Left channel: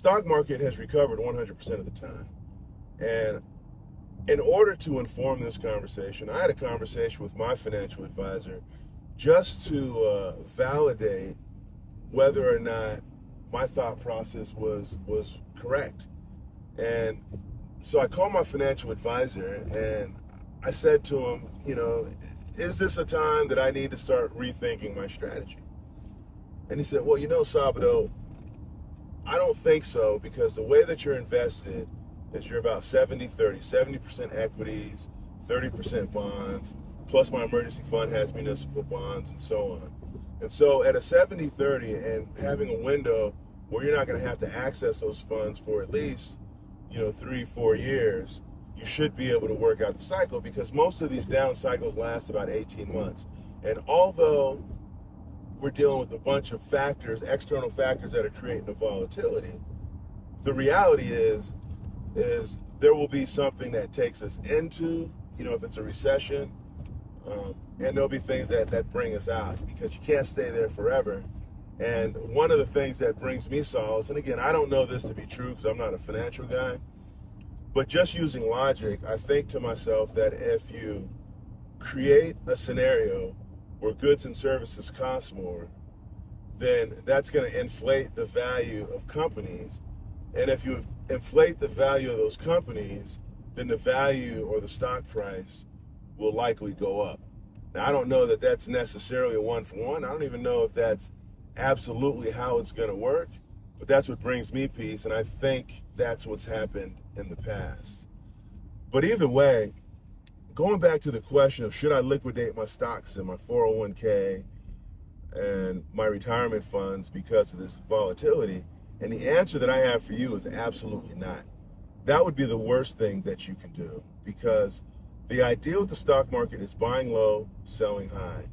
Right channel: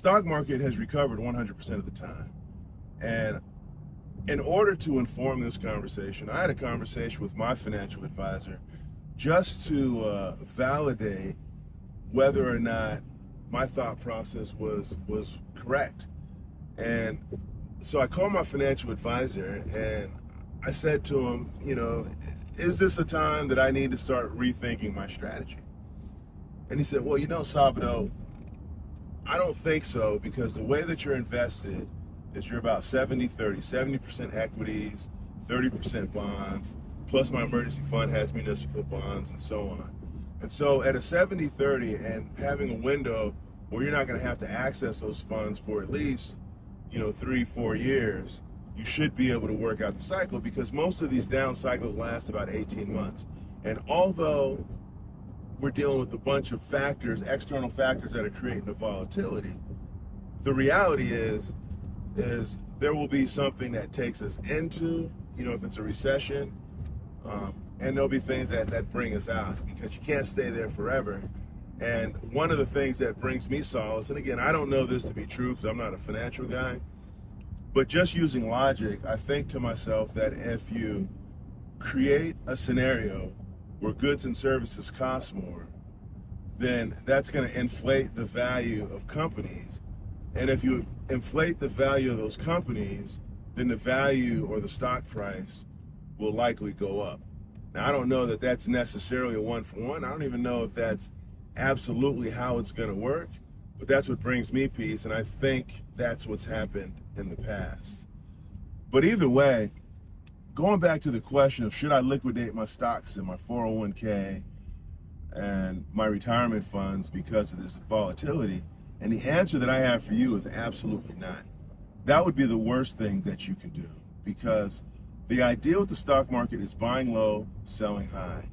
stock market has recovered 100% of the time. And in order to inform this conversation, I had a conversation with my financial advisor just to validate whether or not my thought process was correct. And so I called my financial advisor and I said to him, is this a time that I need to start rethinking my strategy? And he said, well, Sabado, I don't think so, because the way that you're invested is you're about 70-30, 70% equities, 30% bonds, plus my emergency fund has municipal bonds and so on. And so at a 70-30 and having a window where you're not going to have to access those funds for at least, 3-4 years, you should be able to work out the cycle, because most of these down cycles last about 18 months. And although we're dealing with a bunch of factors, external factors that are creating the volatility, the reality is there will be something that takes us into, if it's a recession, and there'll be things that bring us out, because you can't stay there forever. And one of the things that brings me solace, and again, I don't know this to be true because I'm not a financial guy, but just using logic, I think to myself that if you create a scenario where goods and services cost more, then that's going to inflate the value of companies. And if you inflate the value of those companies, then the value or the stock price will likely go up. Now, I don't know that that's necessarily a one-for-one. I don't even know if that's absolutely how it's going to work, but that's what brings me peace, and I think that's what's happened in the past. But either way, going back to the question of should I liquidate my stocks in my 401k and my retirement funds because of this volatility, and the answer that I have for you is absolutely not. That would be the worst thing that you can do, because the idea with the stock market is buying low, selling high.